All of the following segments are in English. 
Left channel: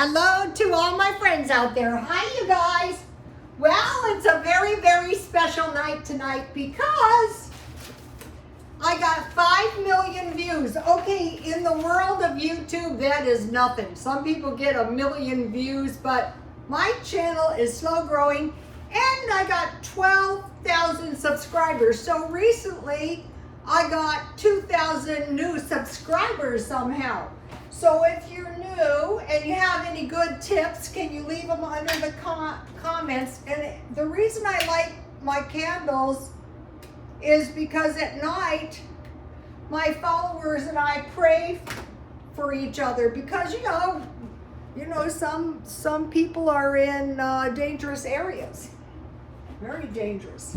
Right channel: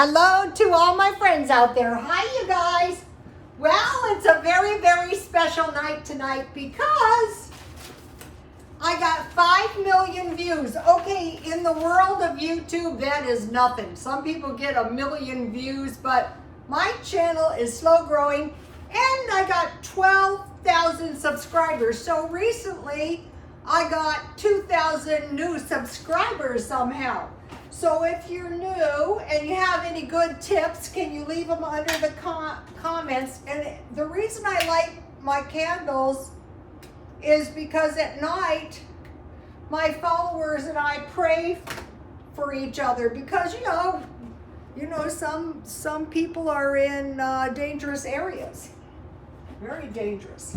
Hello to all my friends out there. Hi, you guys. Well, it's a very, very special night tonight because I got 5 million views. Okay, in the world of YouTube, that is nothing. Some people get 1 million views, but my channel is slow growing and I got 12,000 subscribers. So recently, I got 2,000 new subscribers somehow. So if you're new and you have any good tips, can you leave them under the comments? And the reason I like my candles is because at night, my followers and I pray for each other because, you know, some people are in dangerous areas, very dangerous.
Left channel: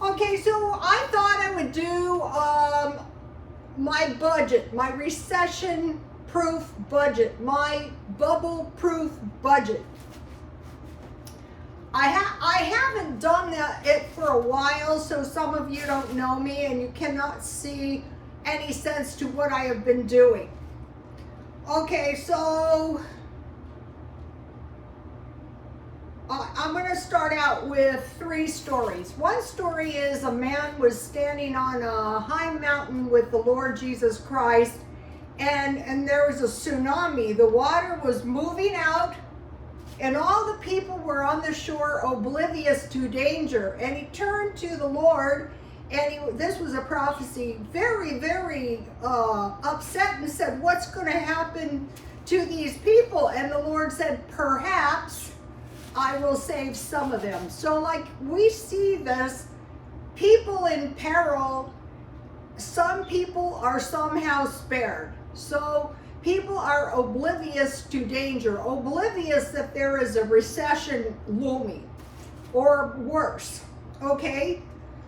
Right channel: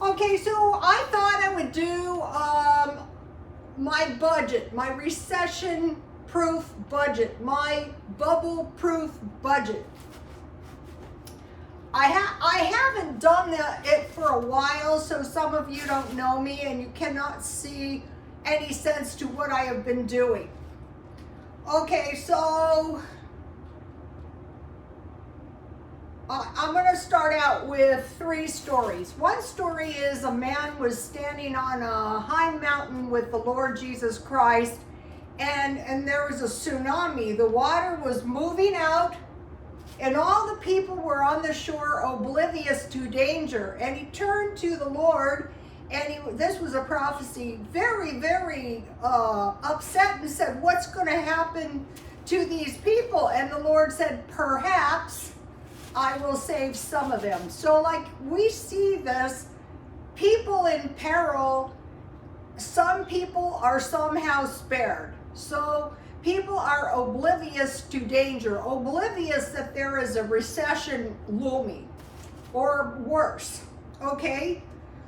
Okay, so I thought I would do my budget, my recession-proof budget, my bubble-proof budget. I haven't done it for a while, so some of you don't know me and you cannot see any sense to what I have been doing. Okay, so I'm going to start out with 3 stories. One story is a man was standing on a high mountain with the Lord Jesus Christ, and there was a tsunami. The water was moving out, and all the people were on the shore oblivious to danger. And he turned to the Lord, and this was a prophecy, very, very upset, and said, "What's going to happen to these people?" And the Lord said, "Perhaps I will save some of them." So like we see this, people in peril, some people are somehow spared. So people are oblivious to danger, oblivious that there is a recession looming or worse, okay?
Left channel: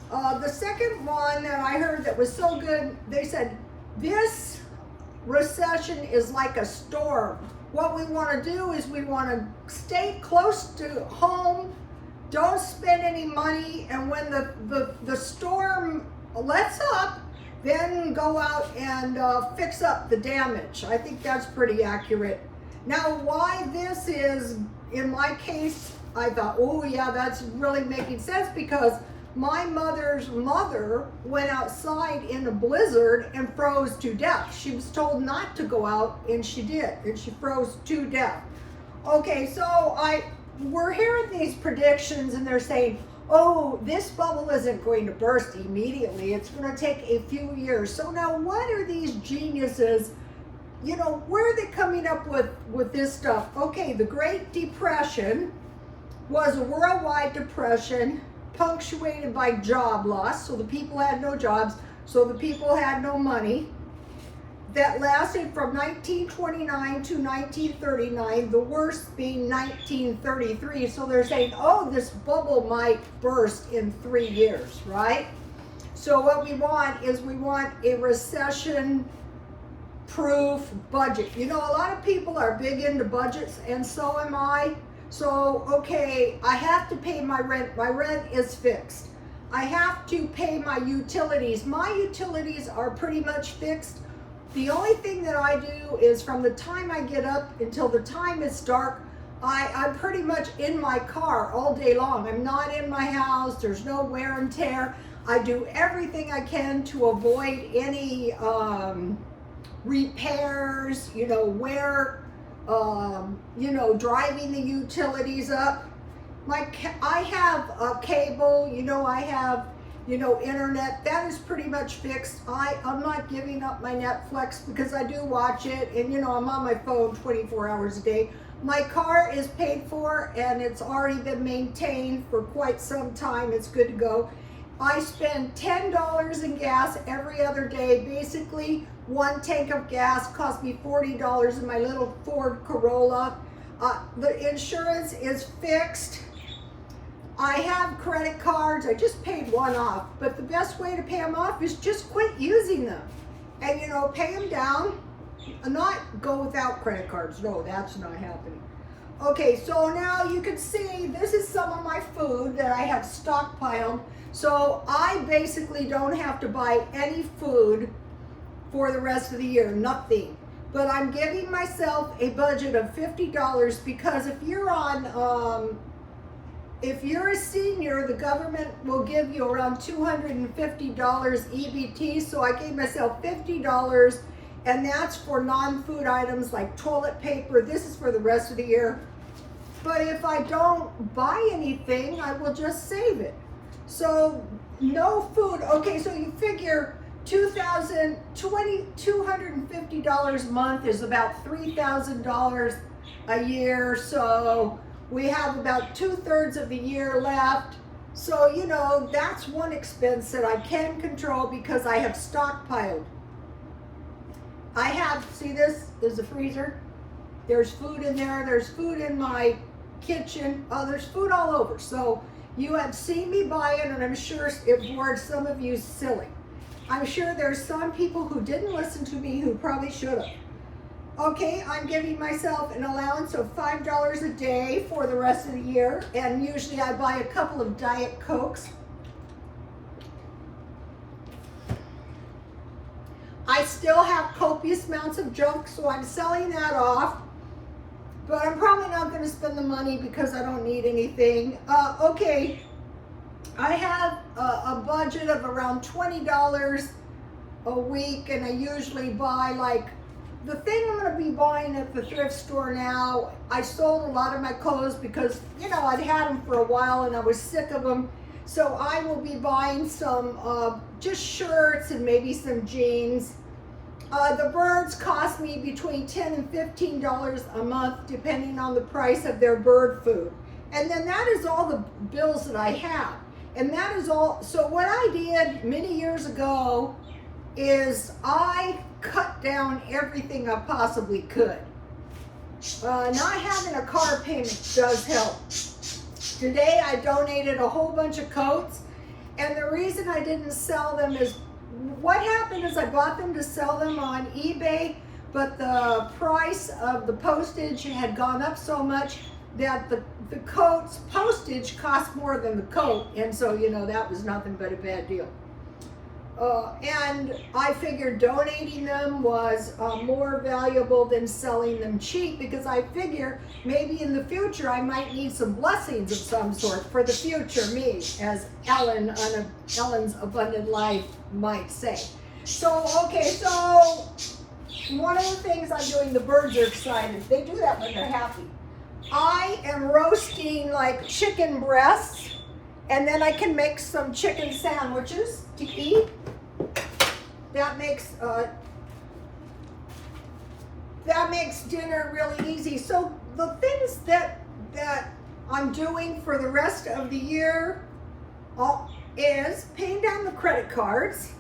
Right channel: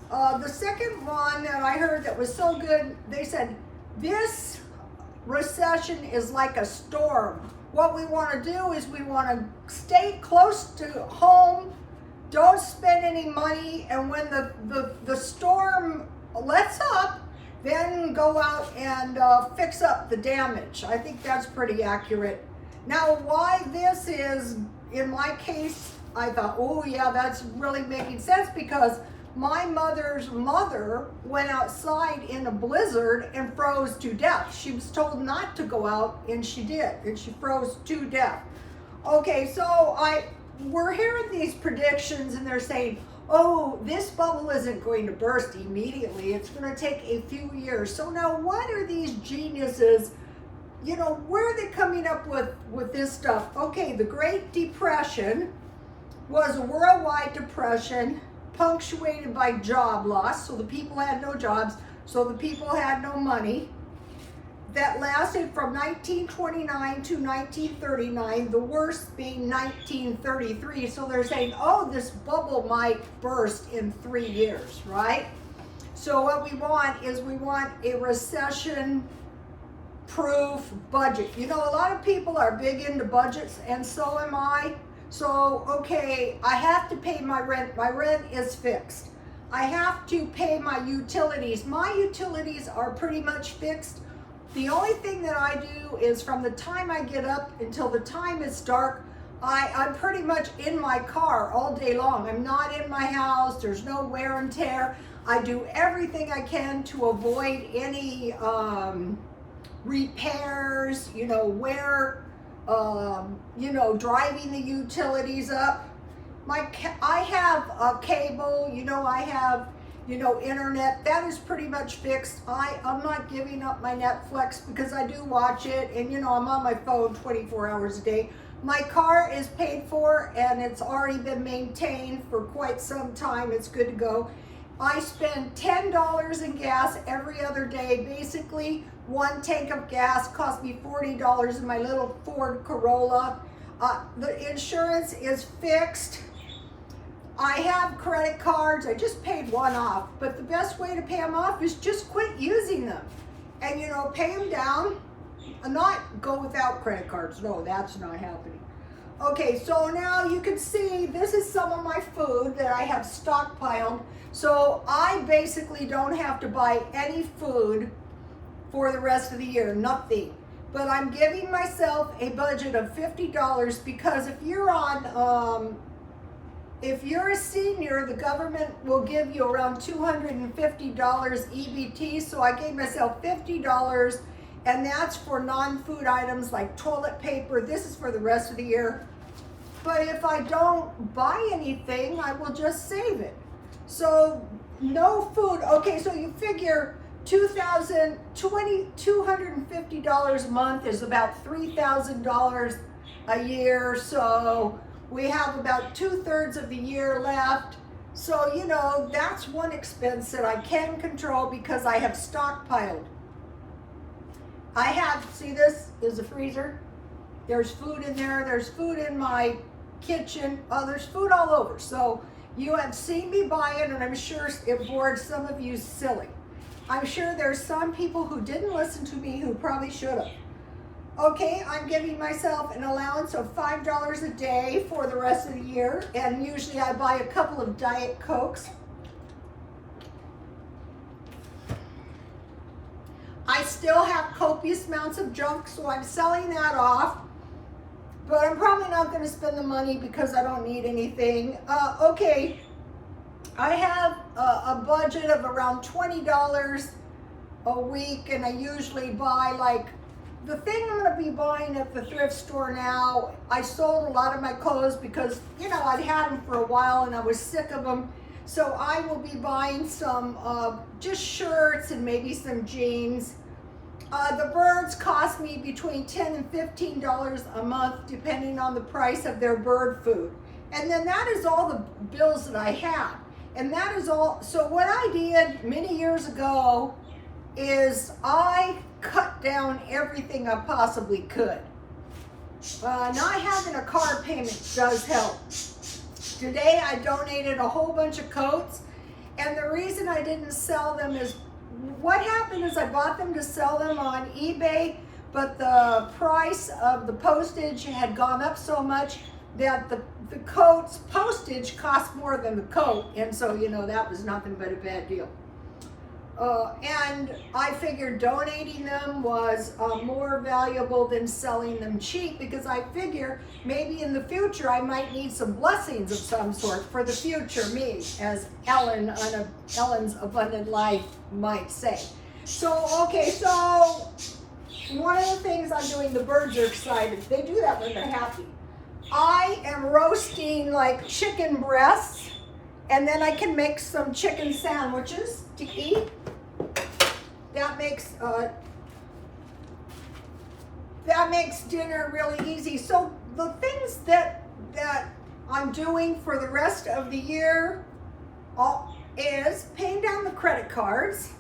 The second one that I heard that was so good, they said, this recession is like a storm. What we want to do is we want to stay close to home, don't spend any money, and when the storm lets up, then go out and fix up the damage. I think that's pretty accurate. Now, why this is, in my case, I thought, oh yeah, that's really making sense because my mother's mother went outside in a blizzard and froze to death. She was told not to go out, and she did, and she froze to death. Okay, so we're hearing these predictions, and they're saying, oh, this bubble isn't going to burst immediately. It's going to take a few years. So now what are these geniuses, you know, where are they coming up with this stuff? Okay, the Great Depression was a worldwide depression punctuated by job loss, so the people had no jobs, so the people had no money. That lasted from 1929 to 1939, the worst being 1933. So they're saying, oh, this bubble might burst in 3 years, right? So what we want is we want a recession-proof budget. You know, a lot of people are big into budgets, and so am I. So, okay, I have to pay my rent. My rent is fixed. I have to pay my utilities. My utilities are pretty much fixed. The only thing that I do is from the time I get up until the time it's dark, I'm pretty much in my car all day long. I'm not in my house. There's no wear and tear. I do everything I can to avoid any repairs, you know, driving the utilities up. I have a cable, you know, I have, you know, internet. That is pretty much fixed. I'm not giving up my Netflix because I do watch it, and, you know, I'm on my phone 24 hours a day. My car is paid for, and it's already been maintained for quite some time. It's good to go. I spend $10 in gas every other day. Basically, 1 tank of gas cost me $40 in my little Ford Corolla. The insurance is fixed. I have credit cards. I just paid one off, but the best way to pay them off is just quit using them and, you know, pay them down. Not go without credit cards. No, that's not happening. Okay, so now you can see this is some of my food that I have stockpiled. So I basically don't have to buy any food for the rest of the year, nothing. but I'm giving myself a budget of $50 because if you're a senior, the government will give you around $250 EBT. So I gave myself $50, and that's for non-food items like toilet paper. This is for the rest of the year. But if I don't buy anything, I will just save it. So no food. Okay, so you figure $250 a month is about $3,000 a year. So we have about 2/3 of the year left. So, you know, that's one expense that I can control because I have stockpiled. I have, see this is the freezer. There's food in there. There's food in my kitchen. Oh, there's food all over. So you have seen me buy it, and I'm sure it bored some of you silly. I'm sure there's some people who didn't listen to me who probably should have. Okay, I'm giving myself an allowance of $5 a day for the rest of the year, and usually I buy a couple of Diet Cokes. I still have copious amounts of junk, so I'm selling that off. But I'm probably not going to spend the money because I don't need anything. Okay, I have a budget of around $20 a week, and I usually buy like, the thing I'm going to be buying at the thrift store now, I sold a lot of my clothes because, you know, I'd had them for a while and I was sick of them. So I will be buying some just shirts and maybe some jeans. The birds cost me between $10 and $15 a month, depending on the price of their bird food. And then that is all the bills that I have. And that is all. So what I did many years ago is I cut down everything I possibly could. Not having a car payment does help. Today I donated a whole bunch of coats, and the reason I didn't sell them is, what happened is I bought them to sell them on eBay, but the price of the postage had gone up so much that the coat's postage cost more than the coat, and so, you know, that was nothing but a bad deal. And I figured donating them was more valuable than selling them cheap, because I figure maybe in the future I might need some blessings of some sort for the future me, as Ellen on Ellen's Abundant Life might say. So, okay, so one of the things I'm doing, the birds are excited. They do that when they're happy. I am roasting like chicken breasts, and then I can make some chicken sandwiches to eat. That makes dinner really easy. So the things that I'm doing for the rest of the year is paying down the credit cards.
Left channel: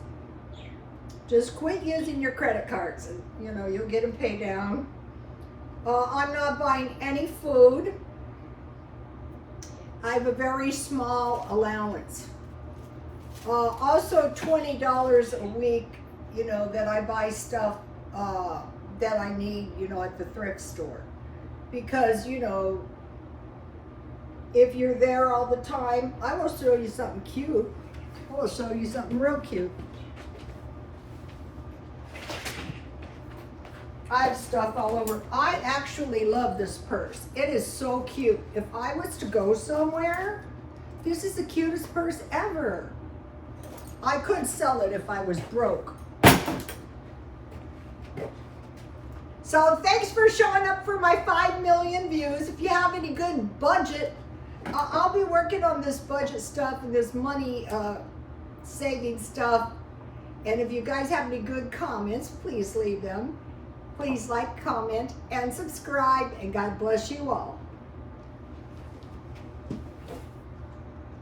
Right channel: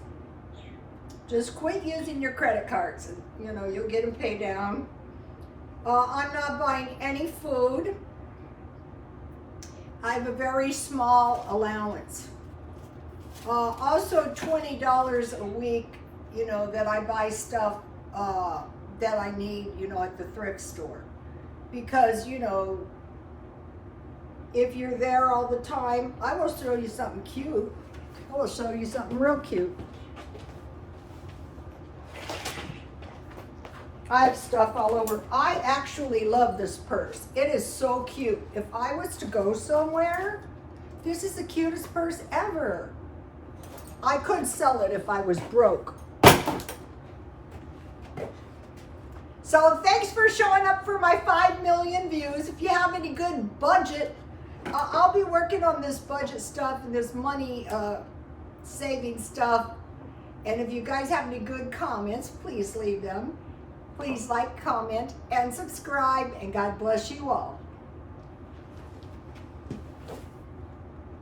Just quit using your credit cards, and you know you'll get them paid down. I'm not buying any food. I have a very small allowance. Also $20 a week, you know, that I buy stuff that I need, you know, at the thrift store. Because, you know, if you're there all the time, I will show you something cute. I will show you something real cute. I have stuff all over. I actually love this purse. It is so cute. If I was to go somewhere, this is the cutest purse ever. I could sell it if I was broke. So thanks for showing up for my 5 million views. If you have any good budget, I'll be working on this budget stuff and this money saving stuff. And if you guys have any good comments, please leave them. Please like, comment, and subscribe, and God bless you all.